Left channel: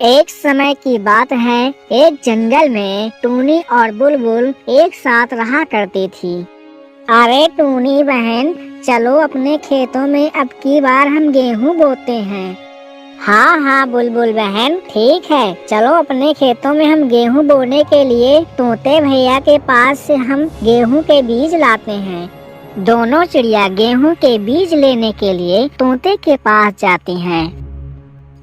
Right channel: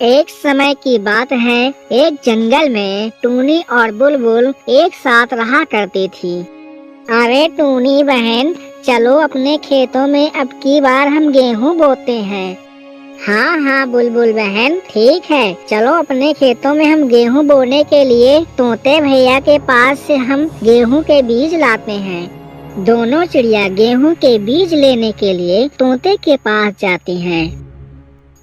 एक समय की बात है, एक जंगल में टूनी और बुलबुल एक साथ रहा करती थी। अरे टूनी बहन, चलो अपने खेतों में अब की बार हम गेहूं बोते हैं। हाँ हाँ बुलबुल बहन, ठीक है, चलो अपने खेतों में हम गेहूं बोने के लिए तोते भैया के पास से हम गेहूं के बीज लाते हैं। दोनों चिड़िया गेहूं के बीज लेने के लिए तोते के पास जाती हैं।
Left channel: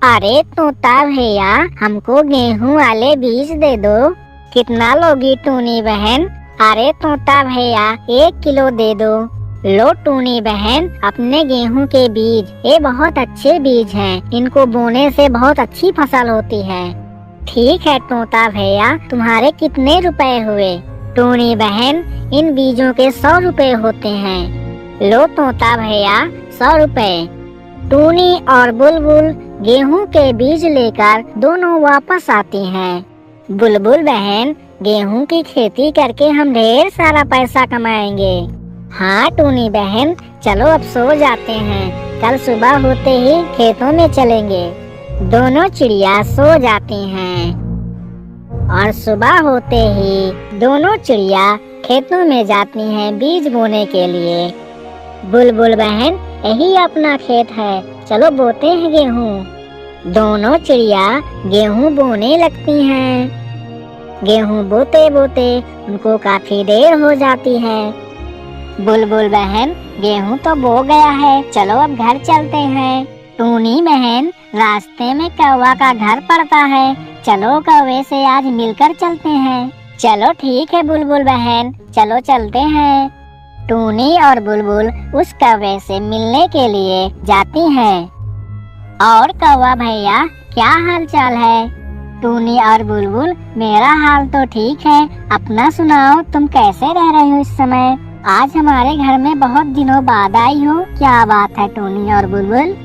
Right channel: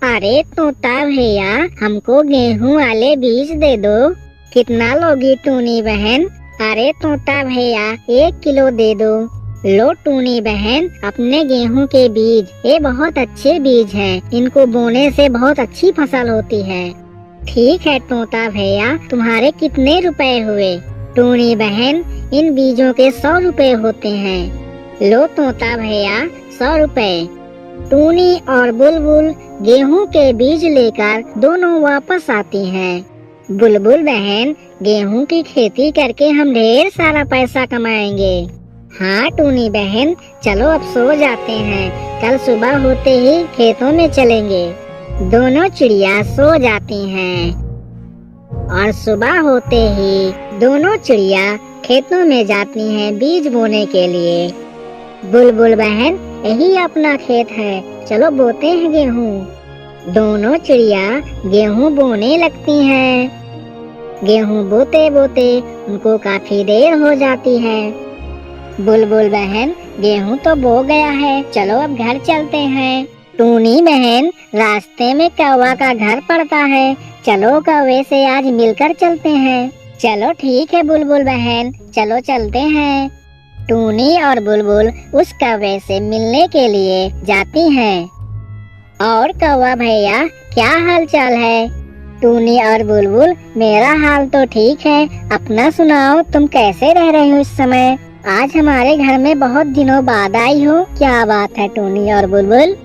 अरे तोता भैया, हमको गेहूं वाले बीज दे दो। कितना लोगी टूनी बहन? अरे तोता भैया, 1 किलो दे दो। लो टूनी बहन, अपने गेहूं के बीज, ये बहुत अच्छे बीज हैं, इनको बोने से बहुत अच्छी फसल होती है। ठीक है तोता भैया, तुम्हारे कितने रुपए हुए? टूनी बहन, इन बीजों के 100 रुपए होते हैं। लो तोता भैया, 100 रुपए। टूनी और बुलबुल गेहूं के बीज लेकर दोनों वापस आती हैं। बुलबुल बहन, गेहूं की खेती करके हम ढेर सारा पैसा कमाएंगे। हाँ टूनी बहन, चलो अब सो जाते हैं, कल सुबह होते ही खेतों में चलेंगे। दोनों चिड़िया सो जाती हैं और सुबह होते ही दोनों चिड़िया खेतों में जाती हैं बीज बोने के लिए। बुलबुल बहन, यही अपना खेत है, चलो बोते हैं गेहूं। दोनों चिड़िया गेहूं बोने लगती हैं। गेहूं बोते बोते उनको काफी देर हो जाती है। बुलबुल बहन, गेहूं तो बो गया है, चलो अब घर चलते हैं। टूनी बहन, रास्ते में कौवा का घर पड़ता है, चलो कौवे से आज मिलकर चलते हैं। चलो ठीक है बुलबुल बहन, चलो चलते हैं। टूनी और बुलबुल उस कौवे से मिलने के लिए जाती हैं। और कौवा भैया, क्या हाल चाल है? टूनी और बुलबुल, मेरा हाल तो ठीक है, अपना सुनाओ, तुम कैसे रह रही हो इस समय? आज हमारे घर में बहुत दिनों बाद आई हो, क्या बात है टूनी और बुलबुल?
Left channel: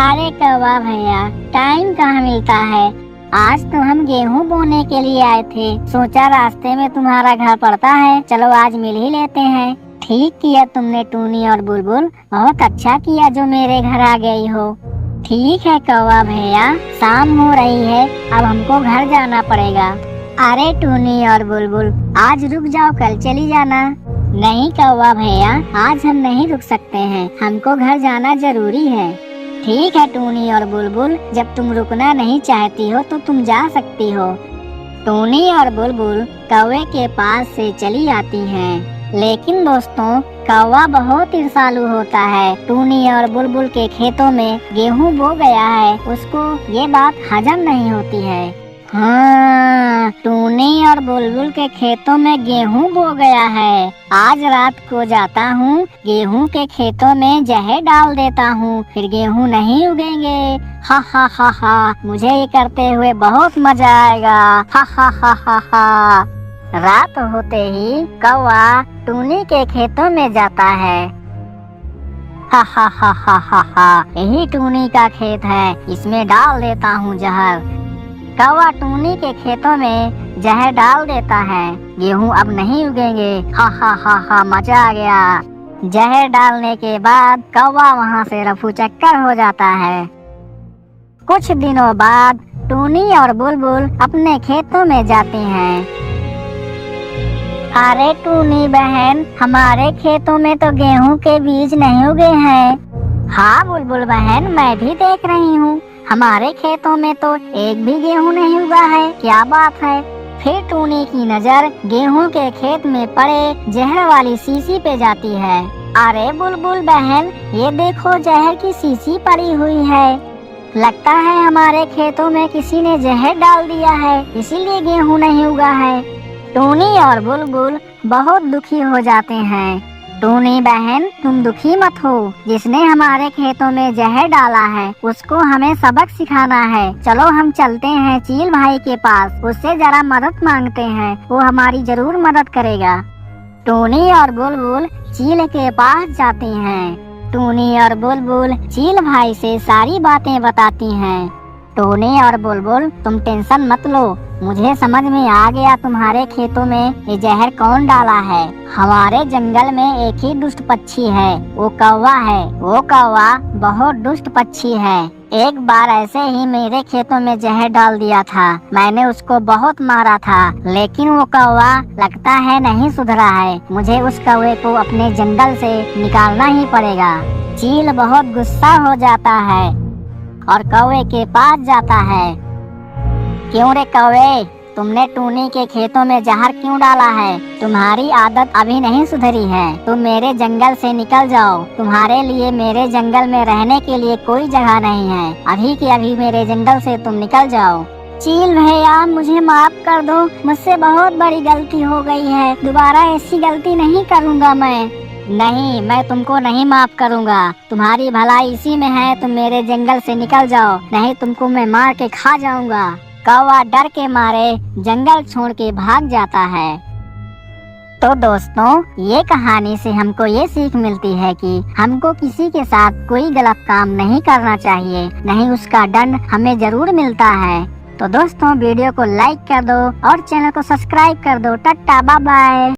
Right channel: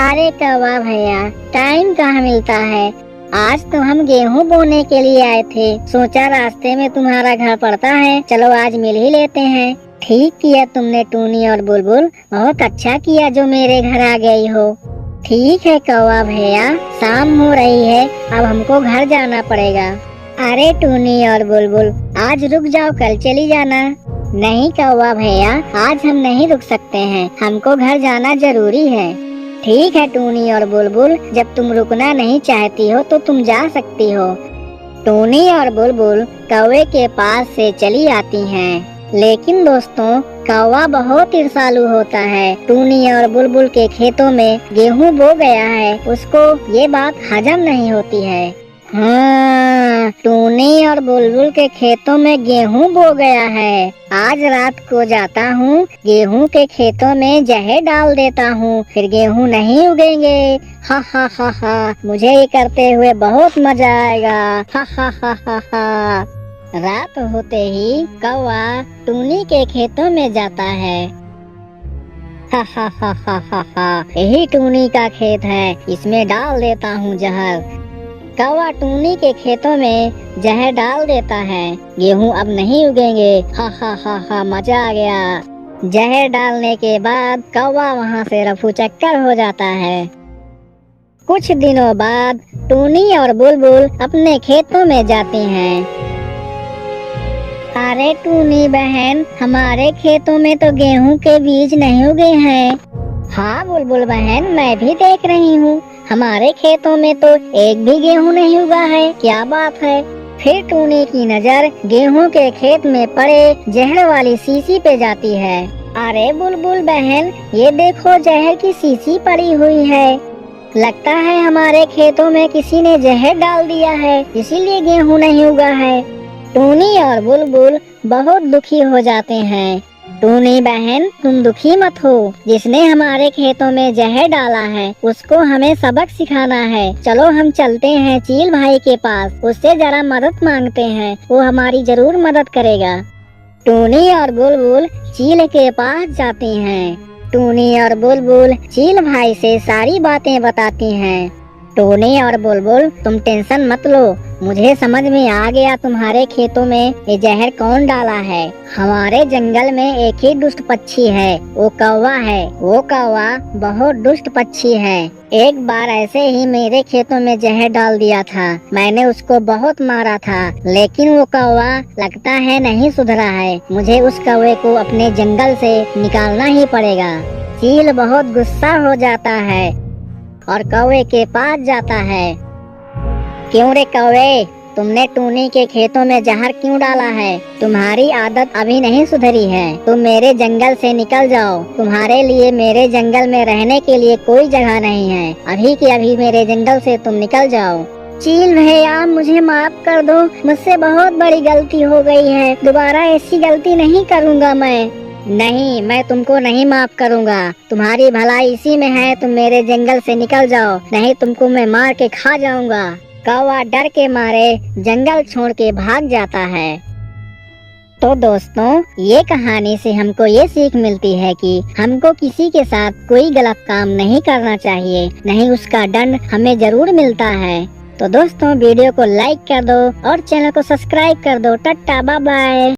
अरे कौवा भैया, टाइम कहाँ मिलता है, आज तो हम गेहूं बोने के लिए आए थे, सोचा रास्ते में तुम्हारा घर पड़ता है, चलो आज मिल ही लेते हैं। ठीक किया तुमने टूनी और बुलबुल, बहुत अच्छा किया जो मेरे घर आ गई हो। ठीक है कौवा भैया, शाम हो रही है, अब हमको घर जाना पड़ेगा। अरे टूनी और बुलबुल, आज रुक जाओ, कल चली जाना। नहीं कौवा भैया, आज हम नहीं रुक सकते हैं, हमको घर जाना जरूरी है। ठीक है टूनी और बुलबुल, जब तुम रुकना नहीं चाहती हो तो तुम जा सकती हो। टूनी और बुलबुल कौवे के पास से चली आती हैं। लेकिन दोस्तों, कौवा बहुत ईर्ष्यालु होता है। टूनी और बुलबुल के खेतों में गेहूं बो गया है, उसको ये बात हजम नहीं होती है। हाँ, टूनी और बुलबुल के खेतों में गेहूं बो गया है। आज रात को जाता हूँ, गेहूं के खेतों में जहर डाल देता हूँ, फिर गेहूं नहीं उगेंगे। हा हा हा हा, मुझे ये करते हुए बहुत मजा आएगा। हा हा हा हा हा। रात होते ही कौवा टूनी के खेतों में जाता है। हा हा हा हा हा हा, यही टूनी का खेत है, इसमें डाल देता हूँ जहर। कौवा टूनी के खेतों में जहर डाल देता है, गेहूं अब नहीं उगेंगे। हा हा हा हा, मजा आ गया। जहर डालने के बाद कौवा वहाँ से रफू चक्कर हो जाता है। कुछ दिनों बाद टूनी और बुलबुल अपने खेतों में जाती हैं। अरे टूनी बहन, हमारे खेतों में तो गेहूं के बीज नहीं उगे हैं। हाँ बुलबुल बहन, मैं भी देख रही हूँ, हमारे खेतों में तो एक भी गेहूं नहीं उगा है, क्या बात है? फिर टूनी की नजर गेहूं के खेत में पड़े जहर वाली शीशी पे जाती है। अरे बुलबुल बहन, ये देखो जहर की शीशी पड़ी हुई है, लगता है हमारे खेतों में किसी ने जहर डाल दिया है, इसीलिए गेहूं नहीं उगा है। टूनी और बुलबुल बहुत दुखी हो जाते हैं। टूनी बहन, तुम दुखी मत हो, जिसने हमारे खेतों में जहर डाला है उसको हमें सबक सिखाना है। चलो हम चलते हैं चील भाई के पास, उससे जरा मदद मांगते हैं, वो हमारी जरूर मदद करेगा। टूनी और बुलबुल चील के पास जाती हैं। टूनी और बुलबुल चील भाई से सारी बातें बताती हैं। टूनी और बुलबुल, तुम टेंशन मत लो, मुझे समझ में आ गया तुम्हारे खेतों में ये जहर कौन डाला है। हमारे जंगल में एक ही दुष्ट पक्षी है, वो कौवा है। वो कौवा बहुत दुष्ट पक्षी है। एक बार ऐसे ही मेरे खेतों में जहर डाल दिया था। मैंने उसको बहुत मारा था, लेकिन वो कौवा लगता है नहीं सुधरा है। मुझे उस कौवे को अपने जंगल से निकालना ही पड़ेगा। चील बहुत गुस्सा हो जाता है और कौवे के पास जाता है। क्यों रे कौवे, तुमने टूनी के खेतों में जहर क्यों डाला है? तुम्हारी आदत अभी नहीं सुधरी है। तुम मेरे जंगल से निकल जाओ। तुम्हारे लिए मेरे जंगल में रहने के लिए कोई जगह नहीं है। अभी के अभी मेरे जंगल से तुम निकल जाओ। चील भैया, मुझे माफ कर दो। मुझसे बहुत बड़ी गलती हो गई है। दोबारा ऐसी गलती नहीं करूँगा मैं। नहीं, मैं तुमको नहीं माफ करूँगा। तुम्हारी भलाई इसी में है। तुम मेरे जंगल से निकल जाओ, नहीं तुमको मैं मार के खा जाऊंगा। कौवा डर के मारे जंगल छोड़ के भाग जाता है। तो दोस्तों, ये कहानी से हमको ये सीख मिलती है कि हमको किसी के साथ कोई गलत काम नहीं करना चाहिए, नहीं उसका दंड हमें जरूर मिलता है। तो दोस्तों, वीडियो को लाइक कर दो और चैनल को सब्सक्राइब कर दो। टाटा बाय बाय।